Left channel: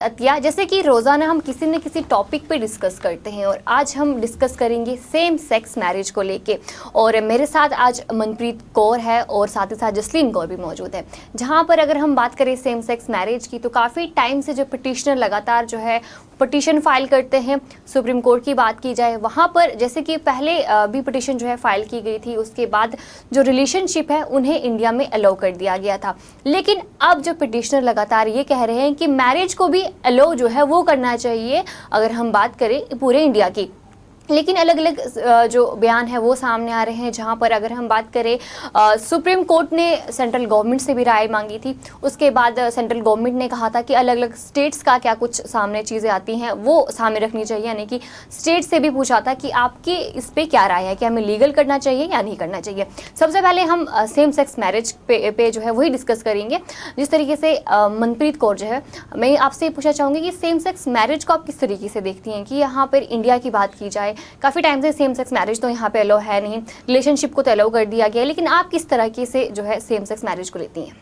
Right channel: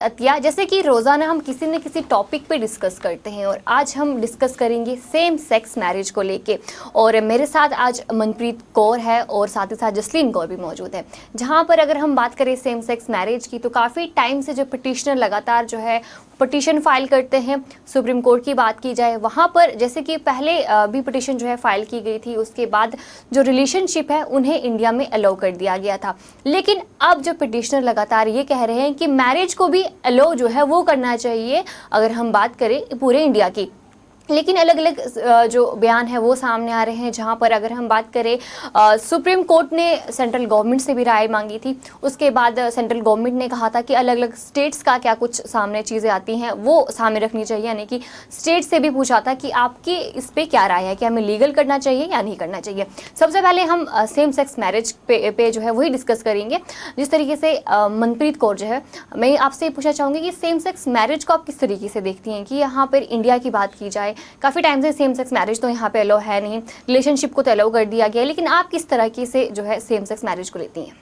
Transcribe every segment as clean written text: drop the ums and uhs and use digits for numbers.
अतिया, जैसे कि रोज़ाना हम किसी न किसी टॉपिक पे डिस्कस करते हैं और आज हम डिस्कस करेंगे सेम सेक्स मैरिज को लेके। और मेरे साथ आज मनप्रीत कौर है और साथ ही साथ जसलीन कौर भी मौजूद है। जहां पर अगर हम बात करें सेम सेक्स मैरिज की, तो काफ़ी टाइम से जो पिटिशनर लगातार जो है पिटिशन फाइल करते हैं। सुप्रीम कोर्ट की बात की जाए, वहाँ पर जैसे कि पहले भी पिटिशन जो है फाइल की गई थी, उसके बाद जो रिलेशनशिप है उन्हें इंडिया में अलाउ कर दिया गया था। लेकिन अब जो पिटिशनर लगातार ये कह रहे हैं कि मैरिज को भी अलाउ जो है वो करना चाहिए, अगर हम बात करें पूरे इंडिया की। लेकिन अलग अलग जो बयान है वो सामने आ रहे हैं। जहां पर अगर हम बात करें, सुप्रीम कोर्ट ने सेंट्रल गवर्नमेंट से भी राय मांगी थी। उसके बाद सेंट्रल गवर्नमेंट ने कहा था कि अलग अलग स्टेट्स का क्या कुछ सामने चीज़ें आती हैं वो सामने रखनी चाहिए, यानी कि स्टेट से भी पूछा था कि आपकी इस पर क्या राय है, कि हमें लीगल करना चाहिए या नहीं करना चाहिए। सबसे पहले हम सेम सेक्स मैरिज पे जो है वही डिस्कस करेंगे। जिस तरीके से मनप्रीत कौर जो है, मैं आपसे पूछना चाहूँगी कि सेम सेक्स मैरिज को आप किस तरीके से देखती हैं, कि यहाँ पर इंडिया की बात की जाए, काफ़ी टाइम से सेम सेक्स मैरिज तो यहाँ पे अलाउ है नहीं, रिलेशनशिप को तो अलाउ कर दिया गया है, लेकिन आप किस तरह से जो है सेम सेक्स मैरिज को लेती हैं?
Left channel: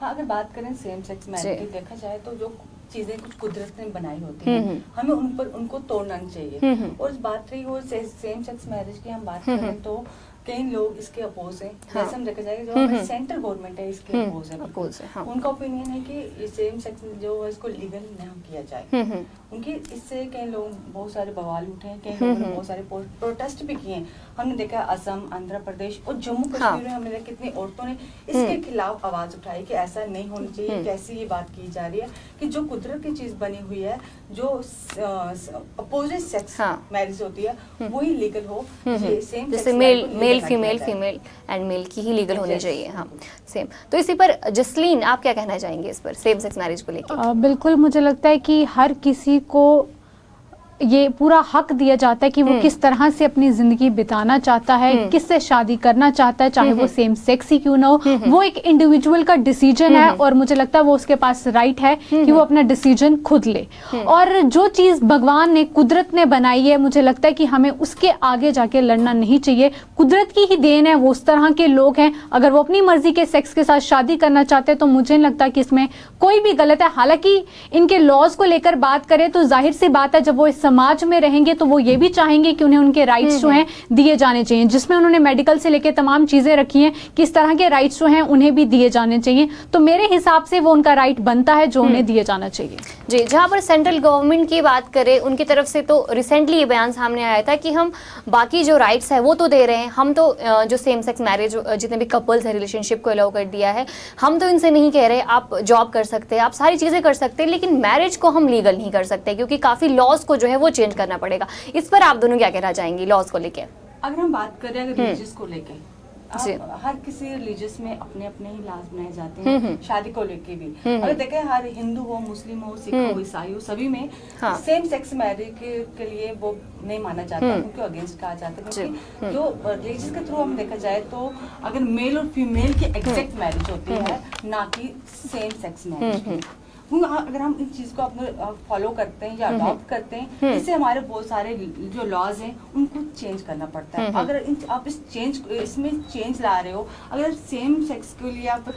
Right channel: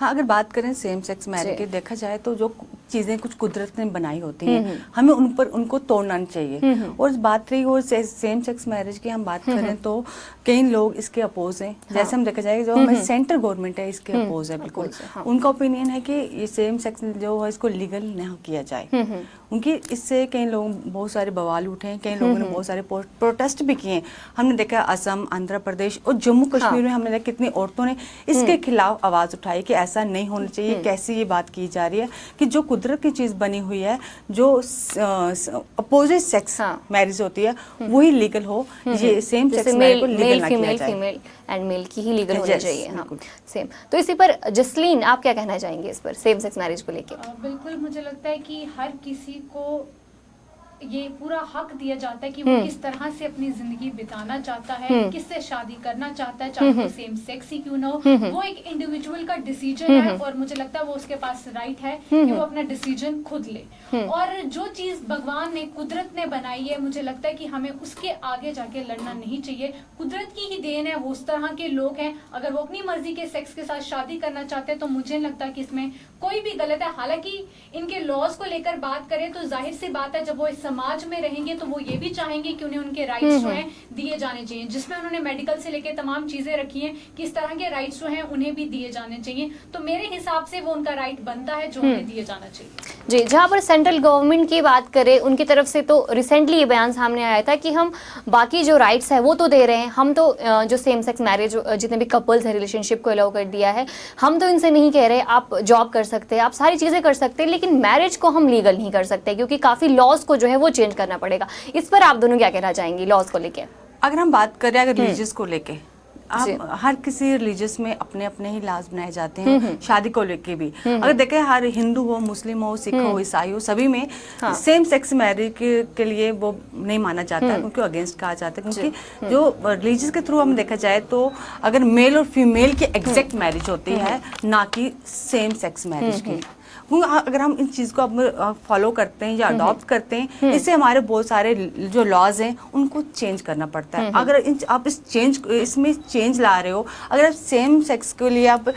हाँ, अगर बात करें सेम सेक्स मैरिज की, देखा जाए तो जो चीज़ें कुछ कुदरत ने बनाई होती हैं, हमें उनको तोड़ना नहीं चाहिए। और बात रही वो सेम सेक्स मैरिज की हम बात करें तो कई लोग इसके अपोज हैं। जैसे हम देखा जाए, जो हमारी सेंट्रल गवर्नमेंट है इसके अपोज है बिल्कुल। उनका ओपिनियन है कि ये सेम सेक्स जो है इसको लीगल न किया जाए। उनकी इससे कई लोग बहुत सारे बवाल उठे हैं, कई लोगों ने बहुत सारे प्रोटेस्ट भी किए हैं। हमने देखा असम, आंध्र प्रदेश और जम्मू कश्मीर में हमने देखा कितनी औरतों ने इसके खिलाफ आवाज उठाई कि ऐसा नहीं होना चाहिए। कैसी ये बात की जा रही है कि जो कुदरत की चीज बनी हुई है, जो अपोजिट सेक्स मैरिज होती है वही लीगल हो। ये same sex male female, female and male की ही लीगल होनी चाहिए। हाँ, सेम। तो इसी पर जसलीन, आप क्या कहना चाहेंगे इस पर, सेम सेक्स मैरिज को लेकर? बिल्कुल, मुझे लगता है कि हर किसी को ये पूरा हक दिया जाता है कि वो किस तरह से अपनी जिंदगी बिताना चाहता है, किससे शादी करना चाहता है, चाहे वो सेम सेक्स ही क्यों ना हो। वो एक इंडिविजुअल का डिसीजन है और मुझे लगता है वो उसके पास राइट है कि वो अपना डिसीजन खुद ले। और जो चीज भगवान ने, कुदरत ने बनाई है, मुझे लगता है कि हमें उसके आगे जाके लड़ना नहीं चाहिए। कुदरत की ही देन है, वो उस तरह के लोग हैं। अगर वो अपनी मर्जी के सेक्स के साथ शादी करना चाहते हैं तो मुझे नहीं लगता कि इसमें कोई भी गलत है। हालांकि इनके लॉज को लेकर बात करें तो जाहिर सी बात है, जब वो समाज में रहेंगे तो वो ये भी चाहेंगे कि उन्हें उनके राइट्स जो हैं दिए जाने चाहिए, जिसमें उन्होंने मेडिकल से लेकर तमाम चीजें रखी हैं, किस तरह के राइट्स जो हैं उन्हें भी दिए जाने चाहिए। तो मेरे हिसाब से वो उनका राइट बनता है जो उन्हें दिए जाना चाहिए। जी, जहां पर सेंट्रल गवर्नमेंट की बात करें, उनकी तरफ से तो रिसेंटली ये बयान सामने आया था कि हम बाकी जो राइट्स है वो तो दे रहे हैं, हम तो जो सेम सेक्स मैरिज जितने भी कपल्स है रिलेशनशिप को अलाउ कर दिया है, हम तो इनसे नहीं कह रहे आप जॉब कर सकते हैं, आप सारी चीजें कर सकते हैं, लेकिन मैरिज को हम लीगल नहीं कर सकते क्योंकि काफी लॉज को जो है वो चेंज करना पड़ेगा। इस पर आप दोनों क्या कहना चाहेंगी लॉज को लेके? अगर हम बात करें अगर रिलीजियस को लेके, हर किसी रिलीजियस में अपने अपने ही लाज बनाए जाते हैं, शादी को लेके भी। अगर देखें, हर हिंदू हो, मुस्लिम हो, सिख हो, ईसाई हो, सभी में सेम सेक्स मैरिज के लिए वो नहीं माना जाता, उनको अगेंस्ट कहा जाता है। क्योंकि जो रिलीजियस के थ्रू हम देखा जाए तो अगर मेल और फीमेल की एग्जैक्ट मैरिज होती है, ना कि सेम सेक्स मैरिज की। अगर हम इन चीज को अब फॉलो करते हैं या अडॉप्ट करते हैं, इससे हमारे बहुत सारे जो लॉज हैं उनको चेंज करना पड़ता है। अगर आप इसमें चेंज ला रहे हो, अगर आप सेम सेक्स के लिए आप,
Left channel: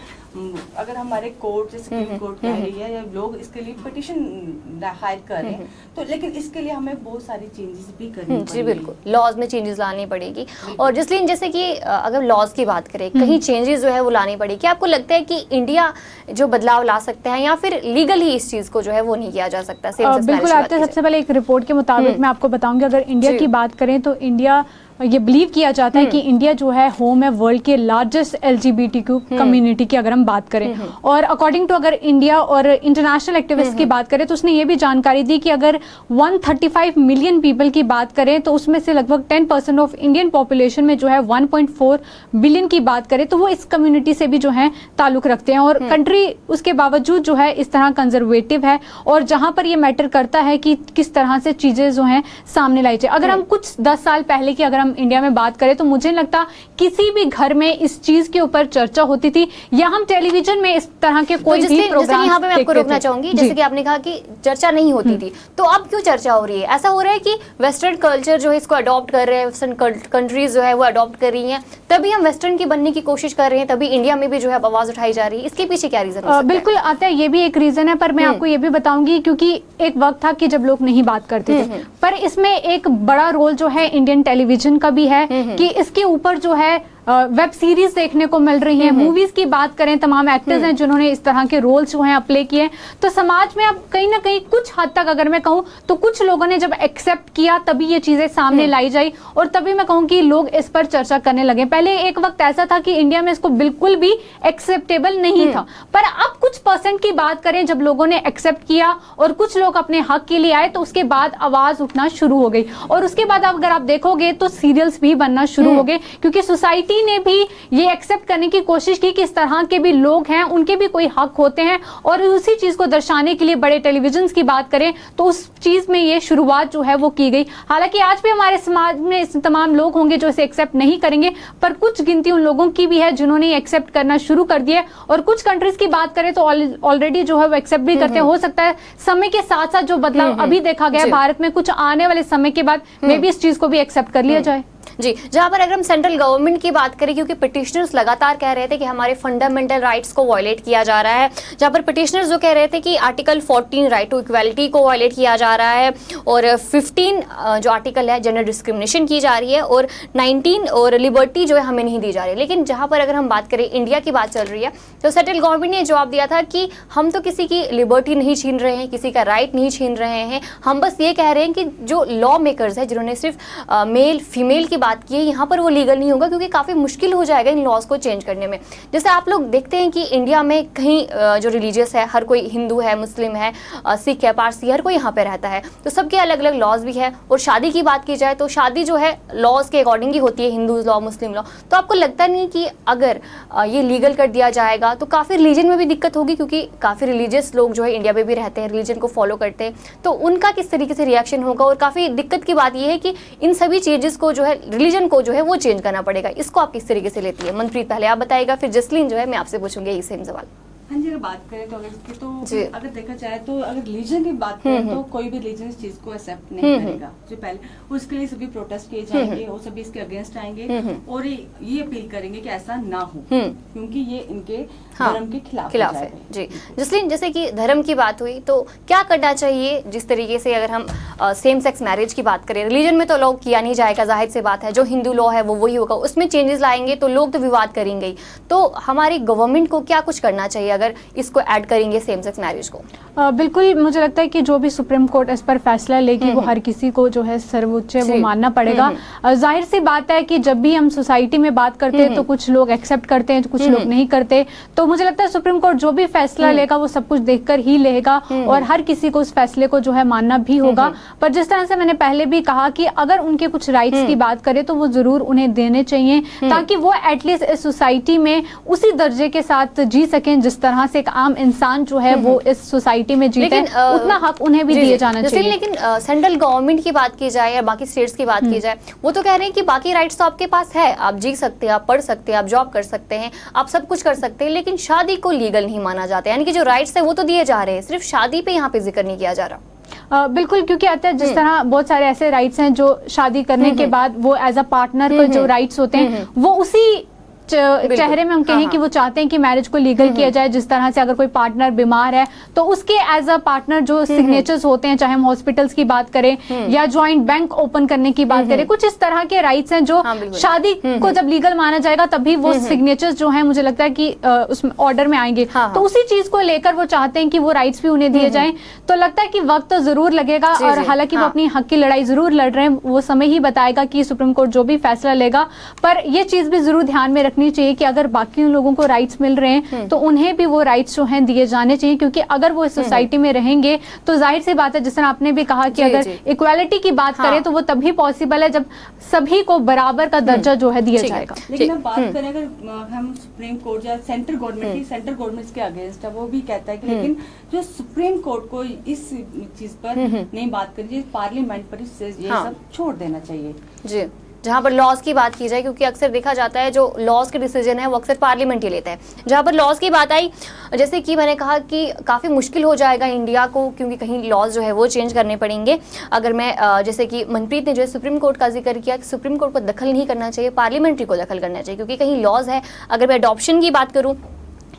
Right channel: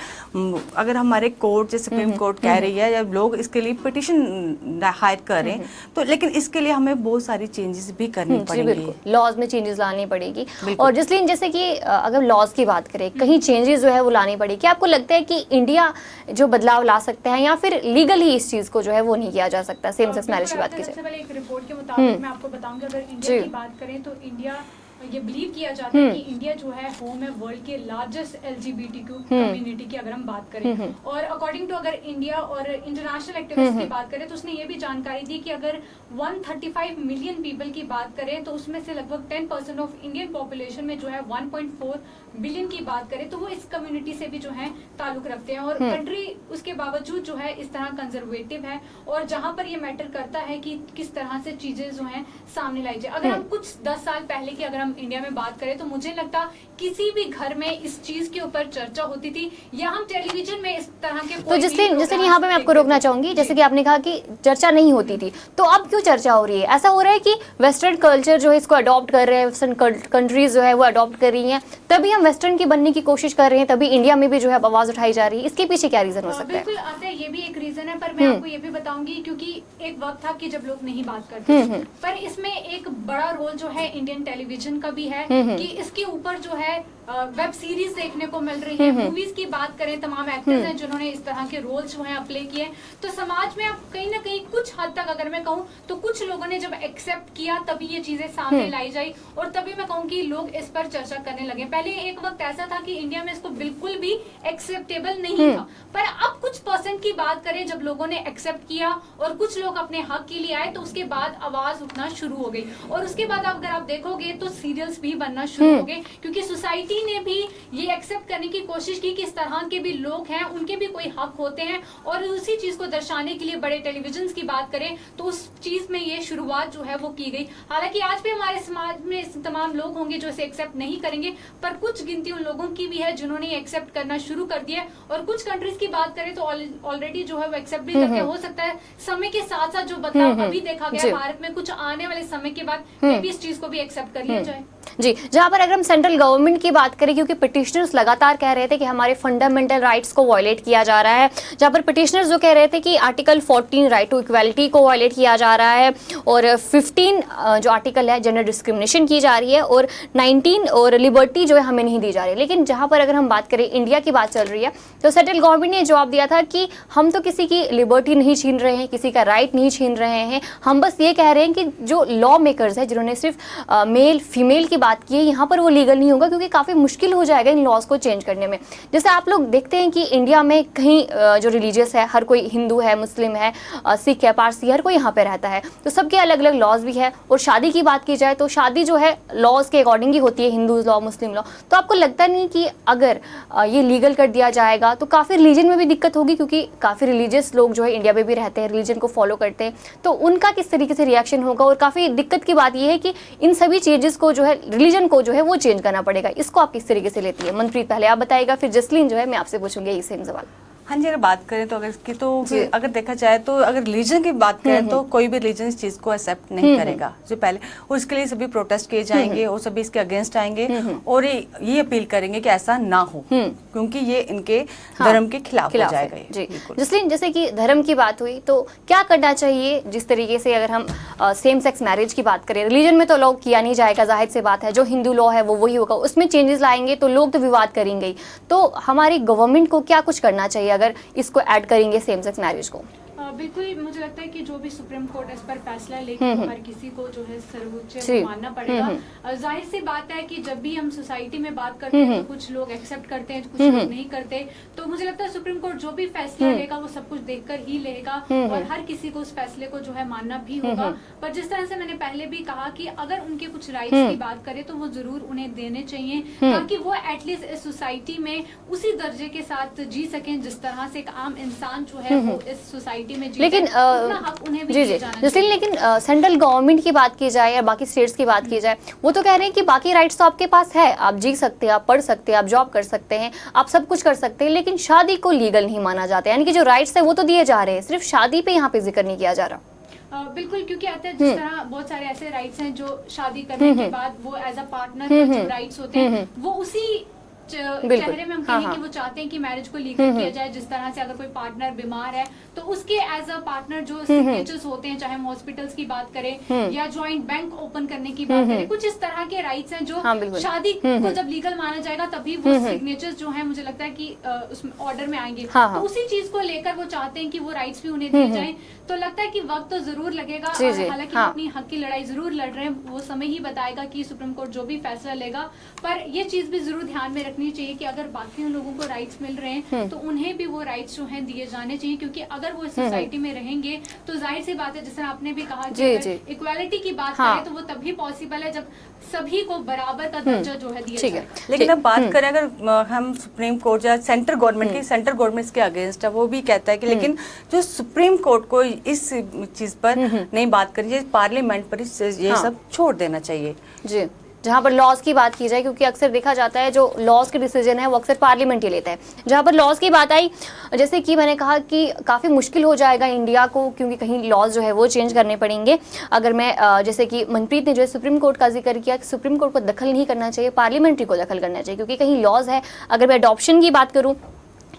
अगर हमारे कोर्ट जैसे सुप्रीम कोर्ट कह रही है या लोग इसके लिए पिटिशन हायर करें, तो लेकिन इसके लिए हमें बहुत सारी चेंजेस भी करनी पड़ेगी। बिल्कुल, लॉज में चेंजेस लानी पड़ेगी। और जसलीन, जैसे कि अगर लॉज की बात करें, कहीं चेंजेस जो है वो लानी पड़ेगी, आपको लगता है कि इंडिया जो बदलाव ला सकता है या फिर लीगल ही इस चीज को जो है वो नहीं किया जा सकता? सेम सेक्स मैरिज की बात करें, सबसे पहले एक रिपोर्ट के मुताबिक मैं आपको बताऊंगी, अगर इंडिया की बात करें तो इंडिया, ये बिलीव किया जाता है कि इंडिया जो है होम है वर्ल्ड के लार्जेस्ट LGBTQ कम्युनिटी की अगर हम बात करें। और अकॉर्डिंग टू अगर इंडिया और इंटरनेशनल एक्टिविस्ट की बात करें तो उसने ये भी जानकारी दी कि अगर 135 मिलियन पीपल की बात करें तो उसमें से लगभग 10% ऑफ इंडियन पॉपुलेशन में जो है 1.4 बिलियन की बात करें तो वो इस कम्युनिटी से भी जो है ताल्लुक रखते हैं। और कंट्री उसके बावजूद जो है इस तरह कंजर्वेटिव है, और जहां पर ये मैटर करता है कि किस तरह से चीजें जो है सामने लाई जाए। अगर हम कुछ 10 साल पहले की अगर हम इंडिया में बात करें तो मुझे नहीं लगता किसी भी घर में इस चीज के ऊपर चर्चा होती थी या हम टेलीविजन में इस तरह के कोई तो जैसे यहाँ पे मैं आपको रोकना चाहूंगी, जैसे कि आपने कहा कि चर्चा नहीं होती थी, तो अब क्यों चर्चा हो रही है? ऐसा हो रहा है कि वेस्टर्न कल्चर जो है इसको अडॉप्ट कर रहे हैं, वेस्टर्न कंट्रीज जो है वो अडॉप्ट कर रही हैं, तभी हम वेस्टर्न की बनने की कोशिश कर रहे हैं, तभी इंडिया में भी जो है आवाज उठाई जा रही है। इसके पीछे क्या रीजन हो सकता है? बिल्कुल आता है, ये भी एक रीजन है, पर मैं आपको ये भी बताऊंगी क्योंकि एक वक्त था कि जब लोग नहीं बात करते थे, पर इसमें एक बड़ा रोल जो है इंडियन टेलीविजन का भी है कि इसके ऊपर जो है वेब सीरीज देखने को मिल रही है, मूवीज की बात करें, तमाम एक्टर्स हैं जिन्होंने इस तरह के रोल्स जो हैं प्ले किए। तो समाज में अब कहीं ना कहीं कुछ हद तक अगर मैं कहूँ तो कुछ लोगों ने जब एक्सेप्ट किया तभी ये चीजें सामने लाई जाई और तभी मैं कहूँ कि लोग इस पर चर्चा करने लगे। पहले एक वक्त ऐसा था कि इंडिया में इसको बिल्कुल भी एक्सेप्टेबल नहीं था, पर अब कुछ परसेंट की बात करें जब लोगों ने एक्सेप्ट किया और कुछ लोग अपने हक के लिए आए तो उसके बाद आवाज उठना शुरू हो गई। और उसके बाद अगर आप देखोगे तो सीरियल्स भी बनना शुरू हो गए क्योंकि सोसाइटी ने भी ये एक्सेप्ट करने की कोशिश की कि इस तरह के भी लोग हैं, उनके भी कोई हक होते हैं। और उसी चीज को दर्शाने के लिए बड़े टेलीविजन की बात करें तो उस चीज में ये शुरुआत जो है वो की गई। हालांकि आज भी हमारे समाज में इस तमाम लोग होंगे जो इसे एक्सेप्ट नहीं करेंगे, पर कुछ गिनती उन लोगों की भी है जिन्होंने एक्सेप्ट करना शुरू कर दिया। और कुछ कंट्रीज की बात करें तो ऑलरेडी जो है वो एक्सेप्ट भी करते। हो सकता है समय के साथ साथ जो बदलाव अभी देखा गया भारत में, कुछ आने वाले समय के बाद मे भी इस चीज को भी एक्सेप्ट कर लिया जाए। जी, जहां पर अगर हम सेंट्रल गवर्नमेंट की बात करें, क्योंकि पिटिशनर्स लगातार कह रहे थे कि हमारे फंडामेंटल राइट्स को वायलेट किया जा रहा है, जहां पर पिटिशनर्स जो कह रहे थे कि आर्टिकल 14 राइट टू इक्वालिटी को वायलेट किया जा रहा है और 15 जो आर्टिकल है जेंडर डिस्क्रिमिनेशन की जा रही है और 19 और लिबर्टी जो है हमें नहीं दी जा रही है। लेकिन जहां पर अगर हम बात करें इंडिया की बात चल रही है तो सेंट्रल गवर्नमेंट ने जवाब दिया था कि हम तो किसी की लिबर्टी नहीं छीन रहे हैं, किसी का राइट नहीं छीन रहे हैं, हम बस ये कह रहे हैं कि जो लॉ मेकर्स है जिन्होंने सिर्फ मेल फीमेल की बात की है, यहाँ पर वो लीगल नहीं होगा क्योंकि काफ़ी मुश्किल हो जाएगा इन लॉज को चेंज करने में। जैसे आप लोग देखते हैं कि इंडिया में कहीं जो रिलीजियस है, हर कोई हिंदू है, मुस्लिम है, सिख है, पारसी, हर कोई यहाँ पे रहता है, तो सबके अलग अलग लॉज भी है। और शादी की बात की जाए तो शादी जो है लॉज के अकॉर्डिंग ही होती है, हिंदू लॉ, मुस्लिम लॉ। तो आपको लगता नहीं कि अगर ये लीगल कर दिया जाएगा तो काफ़ी रिलीजन में भी दिक्कत होगी, क्योंकि काफ़ी रिलीजियस लोग जो है इंडिया में भी रहते हैं, रिलीजन को फॉलो करते हैं, तो उनका किस तरीके से रिएक्शन होगा? और काफ़ी दिक्कत की बात यह है कि इन सभी चेंजेस को जो है रिलीजन को जो है वो चेंज करना पड़ेगा। इसको आप किस तरीके से लेती है? मनप्रीत पहले आप बताइएगा, फिर जसलीन जो है मैं आपसे पूछूंगी यही सेम सवाल। हाँ जी, अगर बात करें तो अगर इसकी तो अगर देखा जाए तो अगर रिलीजन की बात करें तो कोई भी रिलीजन इस चीज को एक्सेप्ट नहीं करेगा जो पहले, और इसके लिए सभी प्रोटेस्ट किए जाएंगे और सभी इसके अगेंस्ट आएंगे और ये अपील करेंगे कि ऐसा ना हो, क्योंकि ये इनके धर्म के खिलाफ हो जाएगा। जी जसलीन, जैसे कि धर्म की बात हुई तो क्या करना चाहिए? जिस तरीके से अगर हम सेम सेक्स मैरिज की बात करें, रिलीजन में तो लॉ किया नहीं जाएगा, जाहिर सी बात है, जो हिंदू लॉ है वो वही होगा, उसमें चेंजेस लाएंगे तो लोग तो विवाद करेंगे ही। तो हमारी गवर्नमेंट को क्या कुछ करना चाहिए अगर इसको ऐड करेंगे सेम सेक्स मैरिज को? बिल्कुल, मुझे लगता है कि जो भी सुप्रीम कोर्ट इस पर फैसला लेगी वो हर किसी को जो है सर्वोच्च वो मानना पड़ेगा। जाहिर सी बात है कि जब भी हम सोसाइटी में बात करते हैं तो कुछ लोग एक्सेप्ट करते हैं, कुछ लोग नहीं करते। तो मुझे लगता है सुप्रीम कोर्ट जो भी फैसला लेगा वो सब कुछ देखकर ही लेगा और हर किसी को उस फैसले को जो है मानना भी होगा। पर जिस तरह से मैंने पहले भी कहा कि अगर उनके कुछ राइट्स की बात करें तो वो जरूर उन्हें देने चाहिए, ताकि वो एटलीस्ट इस सोसाइटी में उसी दर्जे के साथ जी सकें जिस तरह से एक आम इंसान जो है वो इस सोसाइटी में जीते, लेकिन उतना हक उन्हें भी दिया जाना चाहिए। लेकिन सेंट्रल गवर्नमेंट की बात की जाए या बाकी स्टेट्स की बात की जाए, वो तो कह रहे हैं कि बाकी राइट्स तो आपके पास है, आप जी सकते हैं, आप पढ़ सकते हैं, आप जॉब कर सकते हैं, आप सब कुछ कर सकते हैं, लेकिन शादी को लीगल नहीं माना जाता। यानी कि जो राइट्स है वो तो दिए जा रहे हैं, सिर्फ शादी पे यहाँ पे जिक्र नहीं किया जा रहा। बिल्कुल, क्योंकि आता है जिस तरह बहुत सारे ऐसे राइट्स हैं जो शादी करने के बाद वो एज अ पार्टनर पर जो राइट्स होते हैं वो उसी चेहरे में हम कहें कि वो चाहते हैं कि मैरिज को लीगल किया जाए। जिस तरह से अगर कोई पार्टनर बीमार है तो उसके एज अ पार्टनर जो सिग्नेचर्स होते हैं, चाहे हम हॉस्पिटल्स की बात करें या जॉइंट बैंक ओपन करने की बात करें, कुछ इस तरह के राइट्स हैं जो शादी को जब लीगल माना जाएगा तभी वो सिग्नेचर्स जो है मुझे लगता है कि उस ऑर्डर में आएंगे। तो उसी चीज को लेकर वो चाहते हैं कि वो राइट्स भी उन्हें दिए जाएं। तो लगता है कि वक्त तो जरूर लगेगा और हालांकि वो अपनी हक की लड़ाई जरूर लड़ रहे हैं, वो समय ही बताएगा कि सुप्रीम कोर्ट जो भी फैसला लेगा। पर ये चीज भी जरूर ध्यान में रखनी चाहिए कि अगर बाकी लोगों को राइट्स मिल रहे हैं तो उन्हें भी वो राइट्स जो हैं दिए जाने चाहिए, क्योंकि अगर वो इस सोसाइटी में रहेंगे तो जाहिर सी बात है, जिस तरह आपने भी कहा कि अगर इक्वालिटी की बात करें तो वो तभी पॉसिबल है जब सभी को बराबर का दर्जा जो है दिया जाएगा। लेकिन अब बात करें अगर हम सुप्रीम कोर्ट या सेंट्रल गवर्नमेंट की, सेंट्रल गवर्नमेंट के अगेंस्ट है, वो भी कहता है कि लेकिन जो सुप्रीम कोर्ट को इस चीज पर नहीं बात करिए, पार्लियामेंट पर ये सब छोड़ देना चाहिए। जी जहाँ पर लॉज की बात की जाए, क्योंकि अक्सर देखा जाता है जो लॉज के डिसीजन है वो अक्सर पार्लियामेंट ही लेता है। जहाँ पर लॉज की बात आई, जैसे कि मैंने कहा कि काफ़ी मुश्किल हो जाएगा इंडिया को, क्योंकि कहीं लॉज जो है वो चेंज करने पड़ेंगे। अगर मैं जैसे कि मनप्रीत ने जो है सुप्रीम कोर्ट का जिक्र किया कि सुप्रीम कोर्ट को दखल नहीं करना चाहिए, पार्लियामेंट्री को दखल करना चाहिए, क्योंकि कहीं लॉज है। अगर मैं अडॉप्शन की बात करूँ,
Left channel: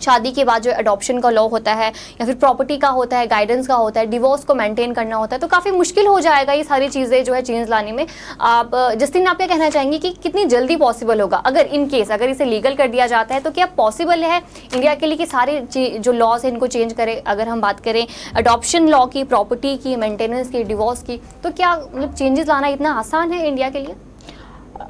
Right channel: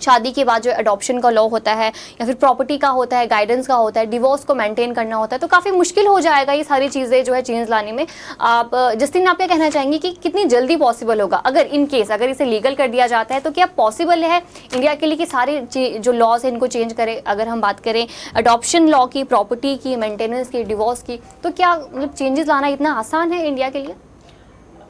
शादी के बाद जो अडॉप्शन का लॉ होता है या फिर प्रॉपर्टी का होता है, गाइडेंस का होता है, डिवोर्स को मेंटेन करना होता है, तो काफ़ी मुश्किल हो जाएगा ये सारी चीज़ें जो है चेंज लाने में। आप जस्टिन, आप क्या कहना चाहेंगे कि कितनी जल्दी पॉसिबल होगा अगर इन केस अगर इसे लीगल कर दिया जाता है, तो क्या पॉसिबल है इंडिया के लिए कि सारे जो लॉज हैं इनको चेंज करें? अगर हम बात करें अडॉप्शन लॉ की, प्रॉपर्टी की, मेंटेनेंस की, डिवोर्स की, तो क्या मतलब चेंजेस लाना इतना आसान है इंडिया के लिए?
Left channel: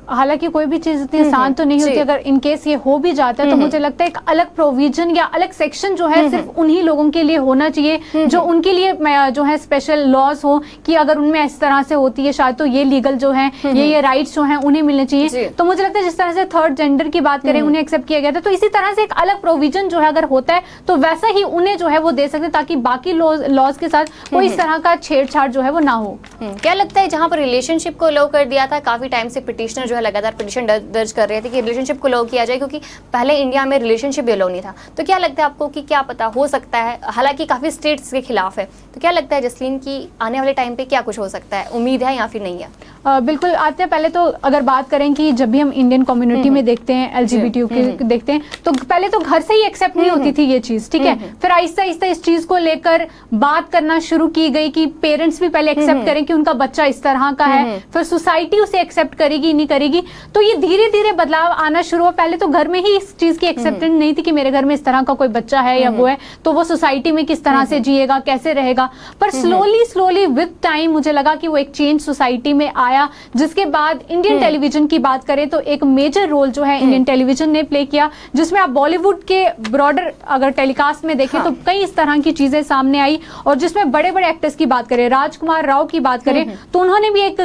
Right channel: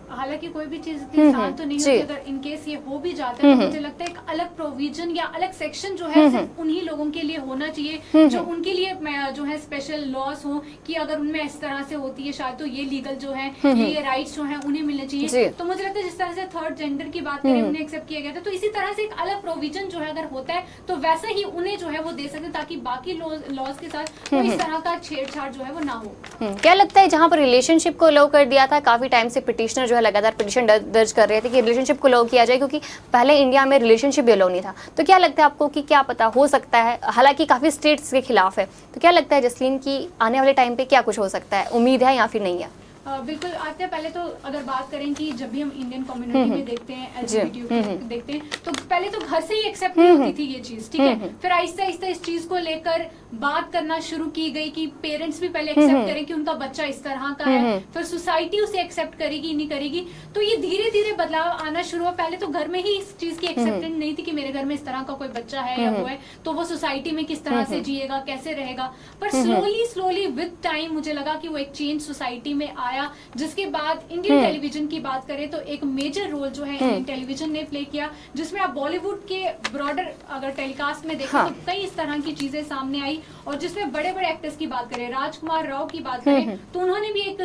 हालांकि कोई भी चीज इतनी आसान तो नहीं होती। अगर इन केस ये हो भी जाता है तो मुझे लगता है एक अलग प्रोविजन या अलग सेक्शन जो है सिर्फ उन्हीं लोगों के लिए होना चाहिए जो उनके लिए जो है स्पेशल लॉज हो, कि अगर उनमें इस तरह से होती है शायद तो ये लीगल जो है ये राइट्स जो है उन्हें मिलने चाहिए। तो मुझे लगता है जिस तरह से थर्ड जेंडर की बात करें उन्हें एक्सेप्ट किया गया था, तो इसी तरह से एक अलग प्रोविजन जो है अगर होता है तो वैसा ही उन्हें जो है वो दे सकते हैं, ताकि बाकी लॉज के साथ कोई इस तरह का छेड़छाड़ जो है वो ना हो। क्या लगता है जहां पर रिलेशनशिप को लो कर दिया था, काफी टाइम से पिटिशनर जो है लगातार पिटिशन दर्ज कर रहे थे कि रिलेशनशिप को लो किया जाए, क्योंकि पहले इंडिया में रिलेशनशिप भी लो नहीं था, तो क्या लगता है आपको कि क्या पता हो सकता है, हालांकि काफी स्टेट्स के खिलाफ है, तो क्या लगता है जसलीन की आने वाले टाइम पे क्या कुछ हो सकता है, उम्मीद है या फिर नहीं है? बिल्कुल आते हैं। पहले तो अगर बात करें कि जब भी हम इंडियन कम्युनिटी में देखते हैं एलजीबीटीक्यू को देखते हैं, तो पहले तो घर से ही एक्सेप्ट नहीं होती थी ये चीज, ठीक है। फिर आहिस्ता आहिस्ता इस चीज को लेकर बात करना शुरू की गई कि पेरेंट्स भी पहले एक्सेप्ट करें कि उनका बच्चा इस तरह का है, फिर सोसाइटी उसे एक्सेप्ट करेगी नहीं करेगी, तो ये धीरे धीरे बदलाव आना शुरू हुआ। पहले तो घर में ही इस चीज की एक्सेप्टेंस नहीं थी कि मेरे घर में इस तरह का कोई बच्चा है या वो है, तो वो सोसाइटी में किस तरह से जिएगा, कैसे रहेगा। पर स्लोली विद टाइम मुझे लगा कि वो एक चेंज सोसाइटी में आया, जिसके बाद इंडियन टेलीविजन की बात करें तो एक मेजर रोल जो है इंडियन टेलीविजन ने प्ले किया, जिसमें आप बॉलीवुड के ब्रॉडर अगर टेलीकास्ट में देखें तो कई इस तरह की चीजें सामने आई, और जिसमें बड़े बड़े एक्टर्स की बात करें, राजकुमार राव की बात करें तो उन्होंने भी एक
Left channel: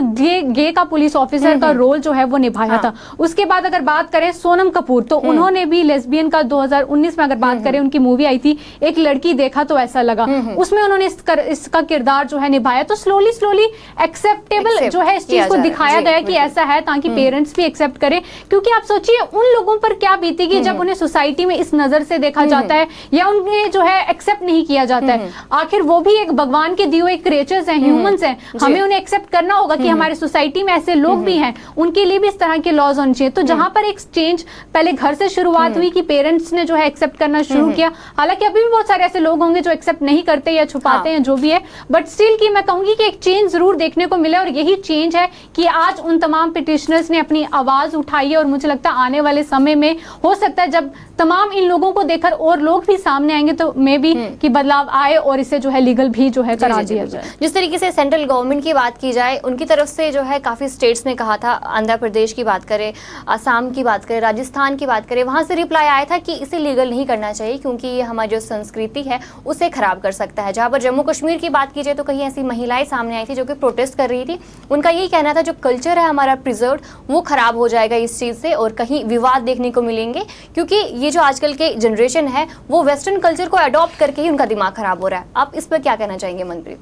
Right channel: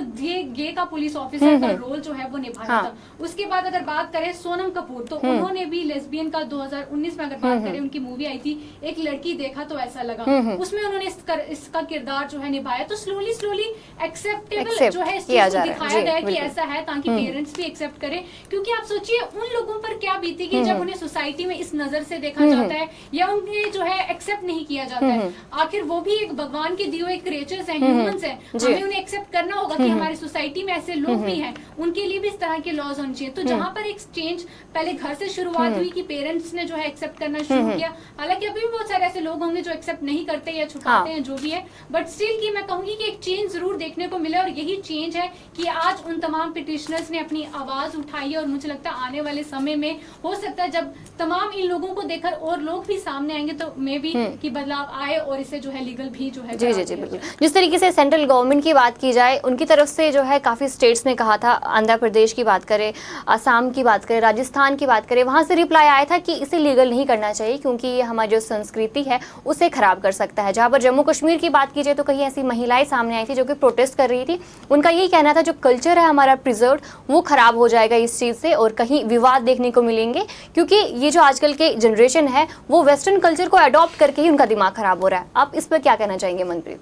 गे का पुलिस ऑफिसर का रोल जो है वो निभाया था। उसके बाद अगर बात करें सोनम कपूर, तो उन्होंने भी लेस्बियन का 2019 में अगर बात करें उनकी मूवी आई थी एक लड़की देखा तो ऐसा लगा, उसमें उन्होंने इसका किरदार जो है निभाया। तो स्लोली एक्सेप्टेबल जो है इस चीज को दिखाया गया कि ऐसा है, ताकि पेरेंट्स भी एक्सेप्ट करें। क्योंकि आप सोचिए उन लोगों पर क्या बीतेगी जब उन्हें सोसाइटी में इस नजर से देखा जाता है या उन्हें जो है एक्सेप्ट नहीं किया जाता है। आखिर वो भी एक भगवान के दिए हुए क्रिएचर्स हैं, ह्यूमंस हैं, हमें उन्हें एक्सेप्ट करना होगा कि हमारी सोसाइटी में ऐसे लोग भी हैं, उनके लिए भी इस तरह के लॉज होने चाहिए। तो जहां पर एक चेंज पहले घर से शुरुआत हुई कि पेरेंट्स ने जो है एक्सेप्ट करना शुरू किया, हालांकि अभी भी बहुत सारे ऐसे लोग होंगे जो एक्सेप्ट नहीं करते या छुपाते हैं जो भी है, बट स्टिल की मैं कहूंगी कि एक चेंज जरूर देखने को मिले, और यही चेंज है कि आज उन तमाम पिटिशनर्स ने अपनी आवाज उठाई है। और मुझे लगता है आने वाले समय में हो सकता है जब तमाम इन लोगों को देखकर और लोग भी सामने आएंगे तो मे भी कि बदलाव आए और इसे जो है लीगल भी जो है करा दिया जाए। जिस तरीके से सेंट्रल गवर्नमेंट की बात की जाए, उनकी तरफ से जो है काफी स्टेट्स ने कहा था, आंध्र प्रदेश की बात करें, असम की बात करें, राजस्थान की बात करें, वहां से रिप्लाई आया था कि इसे लीगल नहीं करना चाहिए क्योंकि ये हमारी जो संस्कृति है उसे खराब कर सकता है। जहां पर जम्मू कश्मीर की बात की जाए तो कहीं ऐसी महिलाएं सामने आई थी जो कि प्रोटेस्ट कर रही थी, उनका यही कहना था जो कल्चर है हमारा प्रिजर्व वो खराब हो जाएगा इस चीज़ से, और कहीं विवाद देखने को मिलेंगे, क्योंकि ये जो आजकल के जनरेशन है वो वेस्टर्न कल्चर को अडॉप्ट करके ही उनका दिमाग खराब हो रहा है। आप इस पर क्या कहना चाहेंगे मनप्रीत?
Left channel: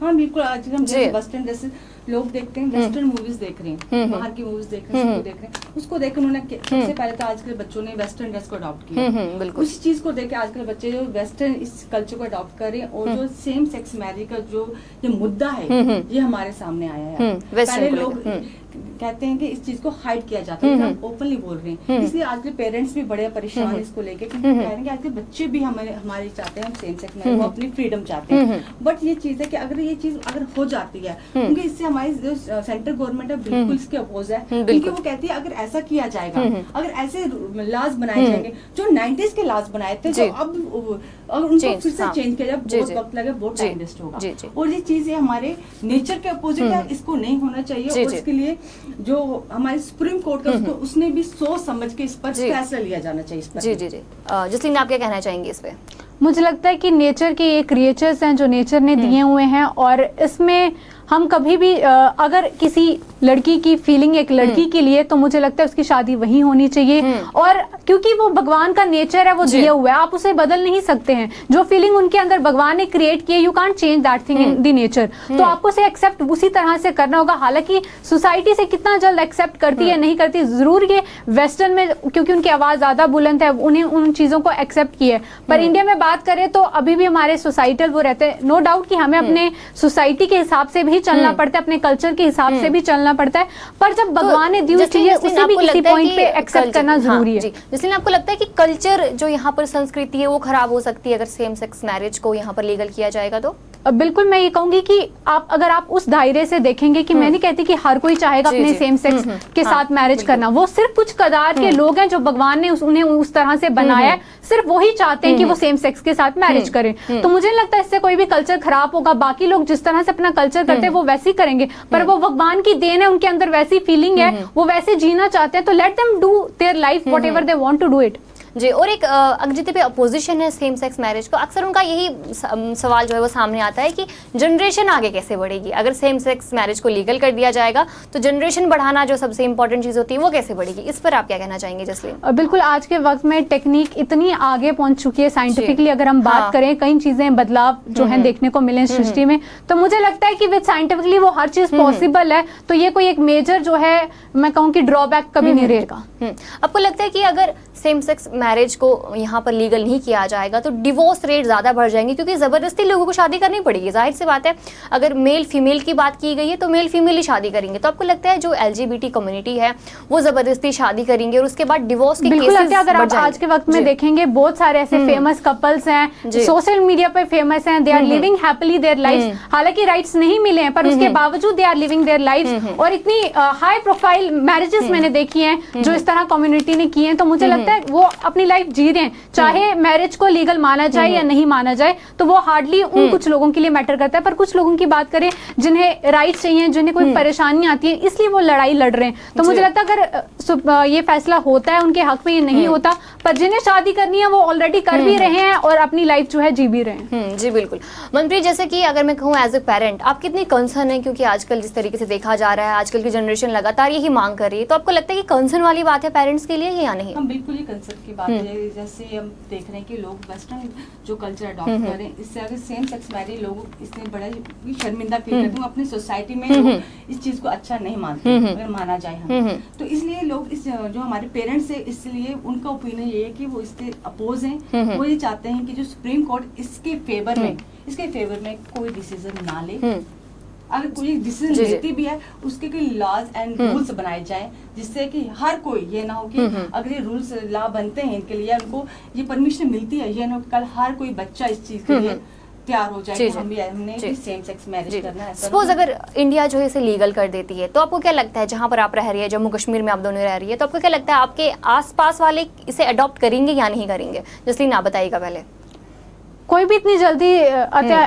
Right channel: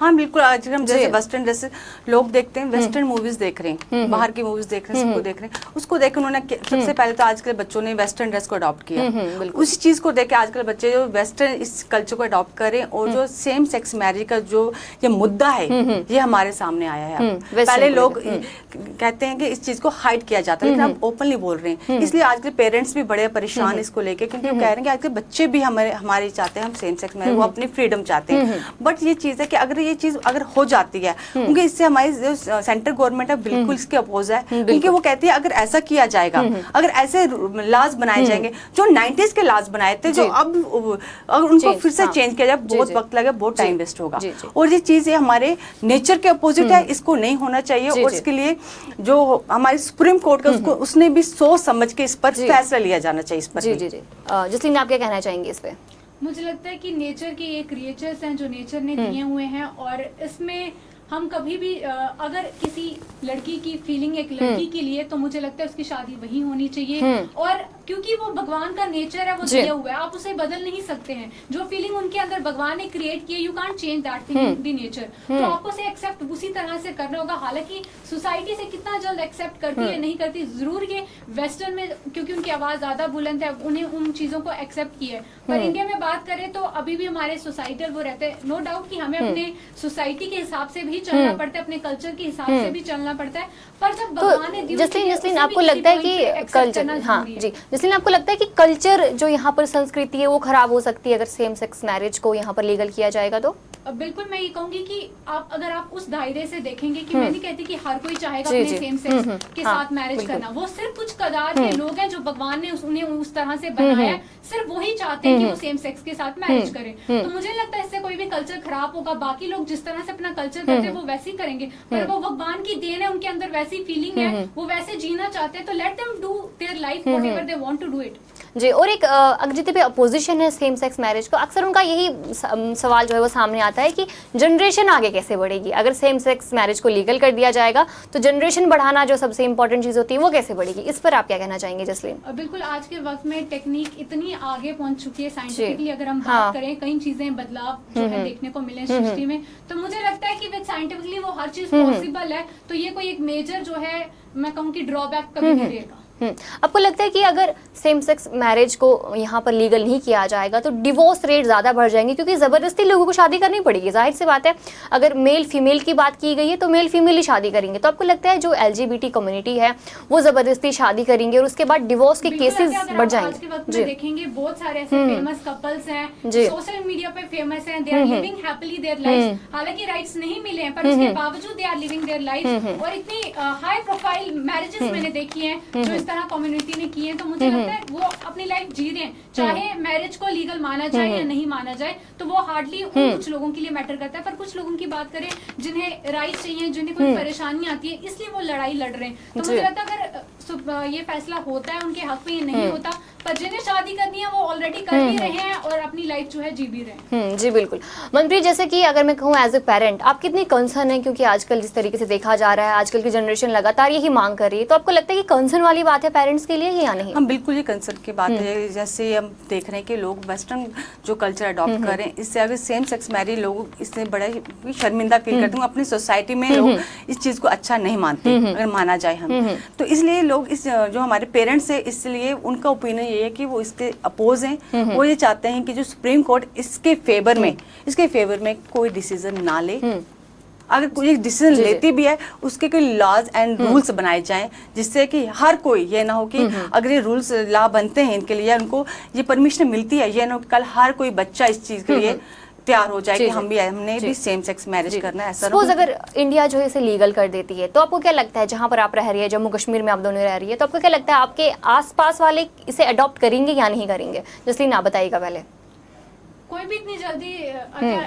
हाँ बिल्कुल, आज हम जैसे वेस्टर्न जैसे लोग देखते हैं, वेस्टर्न मूवीज देख रहे हैं, बाहर की मूवीज देख रहे हैं, सबको देख रहे हैं, उसको देख उन्होंने सबसे पहले तो आजकल बच्चों ने वेस्टर्न ड्रेस को अडॉप्ट किया। उसी चीज को देख के आजकल बच्चे जो वेस्टर्न इस कल्चर को अडॉप्ट करें, और जो सेम सेक्स मैरिज का जो ये मुद्दा है ये हमारे सामने आया है। पहले लोग कहते हैं कि इस चीज को हाइड किया जाता है, लेकिन आप ओपनली बोल रहे हैं, इसलिए आजकल पेरेंट्स भी बड़े परेशान इसको लेके, क्योंकि कह रहे हैं कि आजकल बच्चे भी हमारे चाहते हैं, हम सेम सेक्स मैरिज, वो अपनी फ्रीडम चाहते हैं। बट ये चीज है कि अगर ये चीज अगर हो जाती है, क्योंकि इससे हमारी जो सेंट्रल गवर्नमेंट है बिल्कुल इसके अपोज है, क्योंकि वो कहती है अगर ऐसा किया जाएगा, अगर ऐसे लॉज बनाए जाएंगे जो 90s के लॉज बनाए थे, जो अब अगर उनको फिर से चेंज किया जाए बहुत वक्त लगेगा, बहुत टाइम वेस्ट होगा, और ये चीज हमारे नेचर के अपोजिट है, इसको नहीं होना चाहिए। और इसके लिए जो हमारी सुप्रीम कोर्ट का उसने भी सोच समझ के इस पर फैसला लिया जाना चाहिए इस पर। जी जसलीन, आप क्या कहना चाहेंगे इस पे? मुझे लगता है कि नेचर के ये क्रिएचर्स हैं जो नेचर ने दिए हुए हैं, और इसमें हम कभी भी अगर किसी लड़की की फीलिंग एक लड़की के लिए, तो मुझे लगता है उसकी शादी वही होनी चाहिए। और क्योंकि वो भगवान का नेचर है, वो दिया हुआ है, आप उसे बदल नहीं सकते हैं। जो फीलिंग उनके अंदर भगवान ने क्रिएट की है, you can't change that thing in the nature. तो आपको उसे एक्सेप्ट उसी तरह से करना होगा। हालांकि सोसाइटी से कितना जल्द एक्सेप्ट करती है नहीं करती, जरूर ये वेस्टर्न में क्योंकि उनकी आवाज ज्यादा बुलंद है, उन्हें उन चीजों को एक्सेप्ट की है। पर इंडिया में बात करें तो अभी भी हमारे सोसाइटल वो रहते हैं। नो डाउट कि हमें अपने सोसाइटी के हिसाब से भी चलना पड़ता है, अपने कल्चर के हिसाब से भी चलना पड़ता है। पर जब भगवान ने दी हुई चीज़, उसे भी आपको किसी लगता है point पे कि accept करना जरूरी है। जिसलिए आपको लगता है कि कल्चर जो यहाँ पर संस्कृति है वो खराब हो सकती है अगर सेम सेक्स मैरिज को यहाँ पर लीगल किया जाएगा तो? बिल्कुल, मैं ये कहूंगी कि अगर आप उस दायरे से देखेंगे कि मैं नहीं कहती कि हर कोई चाहेगा अपने सेम सेक्स के साथ मैरिज करना। वो सिर्फ कुछ कदार के लोग हैं जो भगवान ने उन्हें उस तरह से बनाया है, सिर्फ वही चाहते हैं कि वो सेम सेक्स के साथ मैरिज करें। तो मुझे नहीं लगता इससे कोई भी कल्चर खराब होगा। बाकी लोग जिस तरह से अपना कल्चर करते हैं वो वैसे ही करेंगे, पर वो भगवान की देन है, उनके अंदर वैसी फीलिंग है, वो वैसे जीना चाहते हैं। तो let them do their life whatever they want to do it. जी, और एक अगर जितने भी अपोजिशन है सेम सेक्स मैरिज को, अक्सर उनका यही सवाल जो है वो सामने आता है कि जनरेशन आगे कैसे बढ़ेगी। अगर सेम सेक्स मैरिज को लीगल कर दिया जाएगा तो जनरेशन बढ़ाना जो सबसे इंपॉर्टेंट चीज़ होती है वो कैसे बढ़ेगी, इस पर आप क्या कहना चाहेंगे जसलीन? बिल्कुल, आज के वक्त में टेक्निक इतनी आगे पहुंच चुकी है, साइंटिफिकली अगर हम बात करें, कई चीजें बदलाव जो है देखने को मिले सृष्टि में। तो मुझे लगता है कि विद साइंटिफिकली वो हर चीज पॉसिबल है। तो ये कोई एक मेजर जो है मैं कहूँ कि ड्रॉबैक कभी नहीं रहेगा। आपको लगता है कि अगर सेम सेक्स मैरिज को यहाँ पर लीगल नहीं किया जाएगा तो डिवोर्स रेट ज़्यादा बढ़ जाएंगे, क्योंकि ज़बरदस्ती लोगों को शादी करनी पड़ेगी। जाहिर सी बात है, अगर मेल फीमेल की बात की गई है तो मेल फीमेल ही शादी करेंगे। तो आपको लगता है जो LGBT कम्युनिटी है वो ज़बरदस्ती शादी करेंगे और उसके बाद डिवोर्स के केसेस बढ़ जाएंगे? आज के वक्त में देखेंगे बहुत सारे ऐसे फेमस कपल्स हैं, सोशल मीडिया पे फेमस हैं, they are living happily their life. हालांकि राइट्स नहीं मिले हैं पर उसके बावजूद they are living their life. और इतनी हाई प्रोफाइल मैरिजेस मैंने देखी हैं जो इस तरह कम्युनिटी ने की हैं। तो मुझे लगता है वो अपनी लाइफ जी रहे हैं, चाहे मैरिज को लीगल माना जाए या नहीं माना जाए। तो वो हार्डली उन कुछ लोगों के लिए मैटर करता है। पर कुछ लोगों की बात करें जिन्हें राइट्स चाहिए, जिन्हें कोई परेशानी आती है, इसलिए वो लड़ाई लड़ रहे हैं। तो मुझे लगता है अगर ये फैसला होता है उनके हक में, ये नहीं होता, पर जिन्हें शादी करनी है वो ऑलरेडी कर भी रहे हैं और अपनी लाइफ जो है जी भी रहे हैं। जी बिल्कुल। मनप्रीत, जैसे कि अगर मैं कहूँ एज ए पेरेंट आप कितनी कंसर्न है, क्योंकि आजकल जिस तरीके से देखा जा रहा है आजकल की जनरेशन लगातार यही मांग कर रही है, तो आपको लगता है कि कंसर्न वाली बात है पेरेंट्स के लिए या नहीं? हम बिल्कुल ये कंसर्न की बात है। जैसे हम देख रहे हैं कि लोग वेस्टर्न जो कल्चर अडॉप्ट कर रहे हैं, इससे अगर सेम सेक्स मैरिज लोग इससे बड़ा ही शर्मिंदा फील करते हैं। अपनी सोसाइटी में लोग इस चीज को अच्छा नहीं मानते अगर माना जाए हम। तो इसलिए लोग इस जो हमारे पेरेंट्स है, इसलिए उनका ओपिनियन ये है कि वो इसके अपोज हैं। वो ये चाहते हैं कि जो सुप्रीम कोर्ट इसके फेवर में कोई डिसीजन ना ले। अगर कोई डिसीजन लेती भी है उसके कोई लॉज एंड रूल्स बनाए जाए, जिससे कि हर कोई ये ना हो कि अगर ये रूल्स लॉ बनते हैं इनके लिए, उनको ये परमिशन मिलती है, ये ना हो कि कल हर कोई बच्चा इस चीज के लिए तैयार हो जाए कि हमने भी सेम सेक्स मैरिज करना है। सपोज अगर इंडिया जो है इसे लीगल कर देती है तो आपको क्या लगता है, जहां पर आप रह रही है जम्मू कश्मीर में आप दोनों रह रही है, तो आपको क्या लगता है आपके आसपास वाले इसे अडॉप्ट करेंगे या नहीं करेंगे? जसलीन आप बताइएगा पहले। कोई भी इतनी जल्दी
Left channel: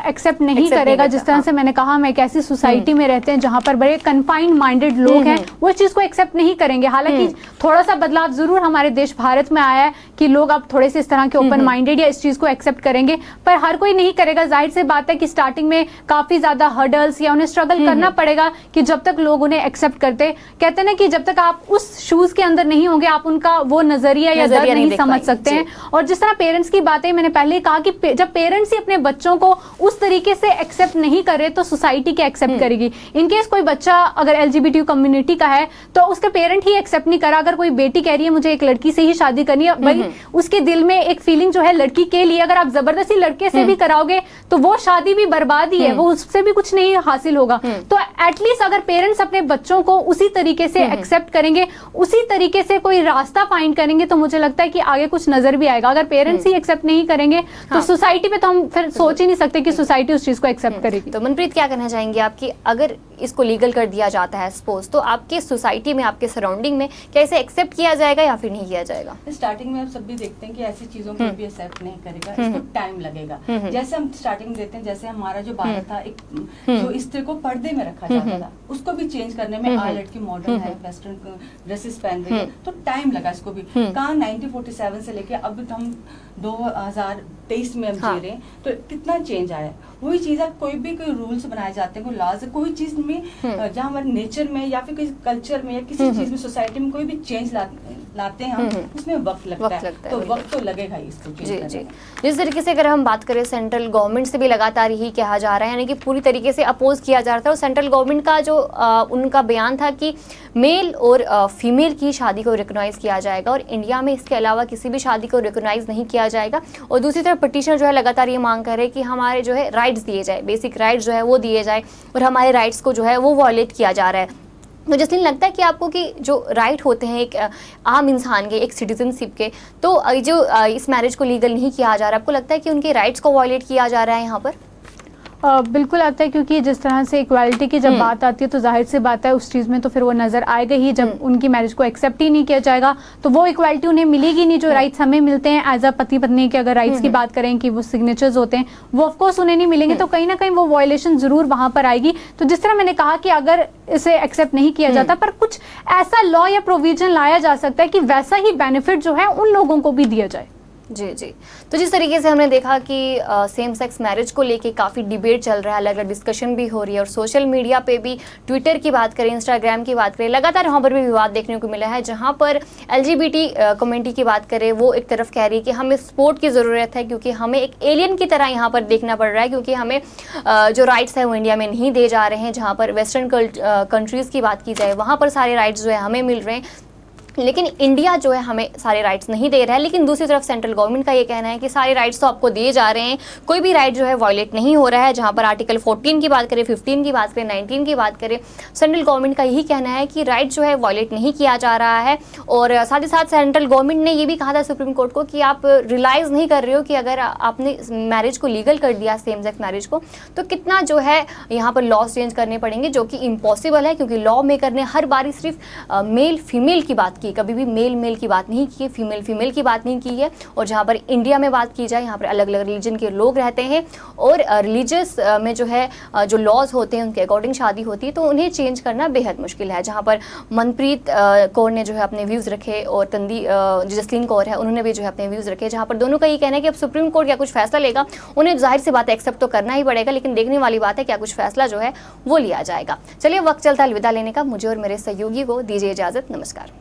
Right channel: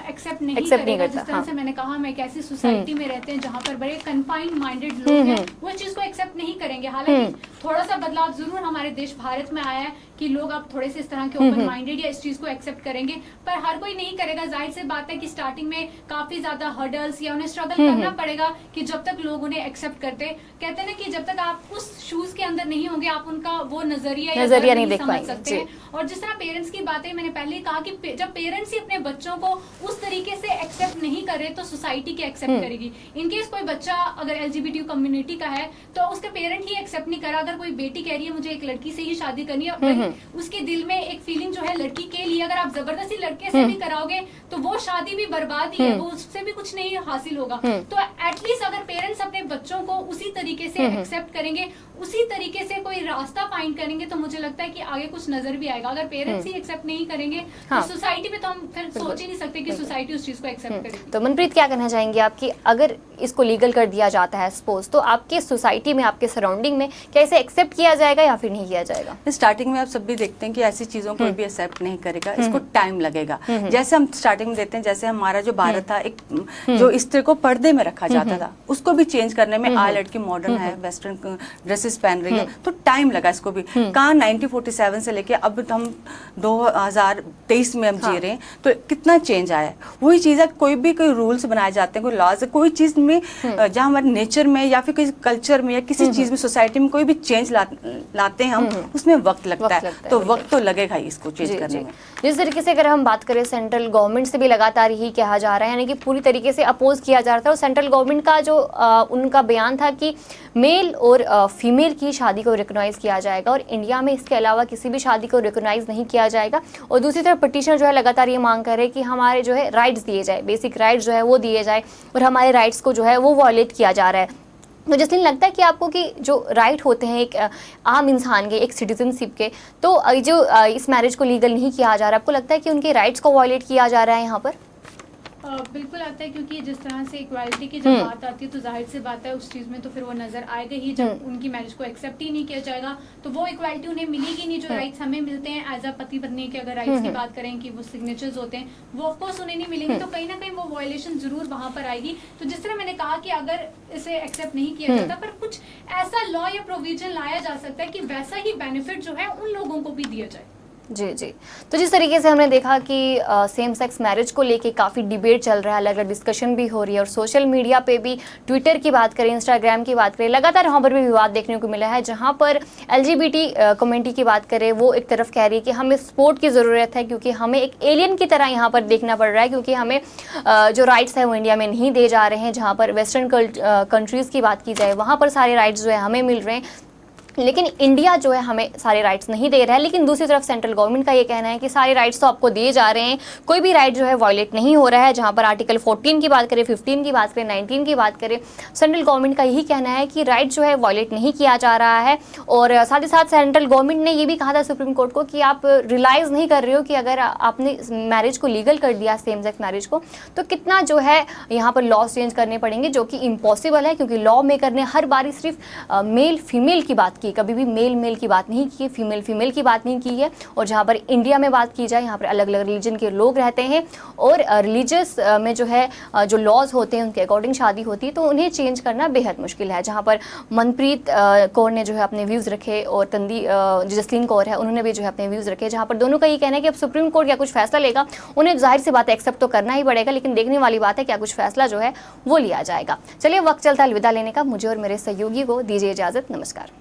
एक्सेप्ट नहीं करेगा। जिस तरह से मैंने कहा, हम एक ऐसी सोसाइटी में रहते हैं जहां पर बड़े कन्फाइंड माइंडेड लोग हैं, वो इस चीज को एक्सेप्ट नहीं करेंगे। हालांकि थोड़ा सा बदलाव जरूर हमारे देश भारत में आया है कि लोग अब थोड़े से इस तरह के ओपन माइंडेड या इस चीज को एक्सेप्ट करेंगे, पर हर कोई नहीं करेगा। जाहिर सी बात है कि स्टार्टिंग में काफी ज्यादा हर्डल्स या उन्हें स्ट्रगल करना पड़ेगा कि जब तक लोग उन्हें एक्सेप्ट करते, कहते हैं ना कि जब तक आप उस शूज के अंदर नहीं होंगे आप उनका वो नजरिया या नहीं समझ सकते हैं। और जिस तरह पेरेंट्स की बातें मैंने पहले कहा कि जब पेरेंट्स ही अपने बच्चों को उस तरीके से एक्सेप्ट नहीं करे तो सोसाइटी क्या एक्सेप्ट करेगी? इनकेस कोई बच्चा अगर LGBT कम्युनिटी का है तो उसके पेरेंट ही एक्सेप्ट नहीं करा, अगर कोई बेटी कह रही है मुझे एक लड़की से ही शादी करनी है, भाई उसके दिल में एक फीलिंग जो है लड़की के लिए, अगर आप जबरदस्ती लड़के से भी कराओगे तो वो शादी भी बर्बादी है, वो उससे भी कुछ नहीं हासिल होगा। तो एटलीस्ट अगर पेरेंट्स अपने बच्चों को उसी तरीके से एक्सेप्ट करेंगे, उसी तरीके से कोई रास्ता फाइंड करेंगे, तो मुझे लगता है कि आगे कुछ नजर भी आएगा। अगर पेरेंट्स ही एक्सेप्ट नहीं करेंगे तो सोसाइटी में तो हम फिर सोच ही नहीं सकते कि सोसाइटी उस चीज को एक्सेप्ट करेगी। तो मनप्रीत क्या कहना चाहेंगे आप कि अगर इसको लीगल कर दिया जाता है सपोज, तो आपके सोसाइटी में आपके सराउंडिंग में क्या इसे एक्सेप्ट किया जाएगा या फिर नहीं किया जाएगा? स्टार्टिंग में आप सब भी देखते हैं कि ऐसी चीजों को भी एक्सेप्ट नहीं करेगा, इसको टाइम लगेगा। जैसे हम स्टार्टिंग में देखते हैं, जैसे हमारा जो भारत था, एक जो स्त्री को पर्दे में रखा जाता था, उसको भी चेंज करने में आज लड़की मॉडर्न है, वेस्टर्न ड्रेसेस पहन रही है, तो टाइम लगा इसको भी। कहाँ 1947 से लेके अब हम 2023 में हम जी रहे हैं, तो कितना चेंज आया है। वही चीज है, कोई रूल्स बनाए जाते हैं, कोई लॉज, कोई चीज में जहाँ हमारे नेचर में या फिर किसी कल्चर में या किसी चीज में, सोसाइटी में कोई भी चेंज लाते हैं हम, उसमें वक्त लगता है, तो वक्त तो लगेगा ही इसको चेंज करने में। जिस तरीके से अगर हम बात करें, सेंट्रल गवर्नमेंट से भी लगातार यही कहा जा रहा है, यानी कि पूरी तरीके से अपोज किया जा रहा था, और सेंट्रल गवर्नमेंट का जो उनका बयान था कि मेल और फीमेल की शादी को रिकॉग्नाइज किया जाएगा और इंडिया में इसके अलावा किसी भी शादी को रिकॉग्नाइज नहीं किया जाएगा। और दूसरी तरफ पिटीशनर जो है लगातार ये मांग कर रहे हैं कि हमारे जो है राइट्स दिए जाए, बेसिक राइट्स जो है वो दिए जाए, और हमारे राइट्स को जो है वो वॉयलेट किया जा रहा है। तो जैसे लगता है कि आपको कि जो राइट होते हैं एक आम इंसान के, एक सिटीजनशिप के, तो जो इस मैरिज को लीगल नहीं किया जा रहा, आपको लगता है कि उनके राइट्स को वॉयलेट किया जा रहा है यहाँ पर? बिल्कुल आता है, क्योंकि जिस तरह से इक्वालिटी की जब बात आती है तो जाहिर सी बात है उस चीज़ में तो फिर वो नज़र आएगा ही। जब उनकी मैरिज को एक्सेप्ट ही नहीं किया जाएगा तो वो इक्वालिटी उन्हें मिलेगी नहीं, जो राइट्स हमें मिलते हैं एज अ पति पत्नी के। अगर राइट्स की बात करें कि वो सिग्नेचर्स होते हैं, वो ऑफकोर्स उन्हें नहीं मिलेंगे, तो कहीं ना कहीं वो वायलेशन जरूर वहां पर आएगी। तो जिस तरह मैंने कहा कि अगर इसे एक्सेप्ट नहीं किया जाता, पर कुछ ऐसा लॉ या प्रोविजन लाया जा सकता है कि वैसा ही बेनिफिट जो है उन लोगों को भी दिया जाए। जी जी। तो जिस तरीके से हमने देखा कि सेम सेक्स मैरिज को लेके काफ़ी डिबेट चल रहा है, अलग अलग डिस्कशन भी हो रही है, और सोशल मीडिया पे भी, ट्विटर की बात करें, इंस्टाग्राम की बात करें, लगातार वहाँ पर भी विवाद देखने को मिला है। जहाँ पर LGBT कम्युनिटी की बात करें, वो एक तरफ कह रही है कि हमें सपोर्ट की ज़रूरत है, क्योंकि हमें एक एलियन की तरह यहाँ पर देखना पड़ रहा है, क्योंकि हमें जो राइट्स है वो इंडिया में नहीं दे जा रहे हैं। जहाँ पर वेस्टर्न कंट्रीज़ की बात की जाए, वहाँ पर सारे राइट्स जो है हमें मिल रहे हैं, लेकिन इंडिया जो है हमें सारे राइट्स नहीं दे रहा है। लेकिन दूसरी तरफ सेंट्रल गवर्नमेंट का ये कहना है कि सारे राइट्स तो आपको दिए जा रहे हैं, कोई भी राइट जो है वायलेट नहीं हो रहा है। जहां पर आर्टिकल 14 की बात करें, 15 की बात करें, 19 की बात करें, सेंट्रल गवर्नमेंट का यही कहना है कि राइट जो है वायलेट नहीं किया जा रहा है। और साथ ही साथ सेंट्रल गवर्नमेंट ने ये भी कहा था सुप्रीम कोर्ट को कि आप रियलाइज़ नहीं कर रहे हो कि अगर आपने मैरिज को लीगल कर दिया, सेम सेक्स मैरिज को, तो कितना जो है यहाँ पर लॉ चेंज करने पड़ेंगे, जो कि इम्पॉसिबल है, क्योंकि लॉ मेकर ने हर बारी सिर्फ मेल फीमेल की बात की, कभी भी मेल मेल की बात नहीं की है, फीमेल फीमेल की बात नहीं की है। और जहाँ पर इंडिया में बात की जाए, यहाँ पर अलग अलग रिलीजन के लोग रहते हैं, और रिलीजियस में जो है जो लॉज होते हैं उनके अकॉर्डिंग शादी होती है, तो उन्हें चेंज करना बेहद मुश्किल है। जहाँ पर मनप्रीत कौर ने जो है अपने व्यूज़ रखे, और जसलीन कौर है, उन्होंने भी जो है अपने व्यूज़ रखे, जहाँ पर दोनों का ये कहना है कि अब सुप्रीम कोर्ट क्या कुछ फैसला लेगा, उन्हें जाहिर सी बात है एक्सेप्ट तो करना ही पड़ेगा, लेकिन देखने वाली बात है क्या कुछ फैसला जो है वो लिया जाएगा। चलिए, वक्त चलता है अलविदा लेने का। मुझे और मेरे सहयोगी को दीजिए इजाज़त। नमस्कार।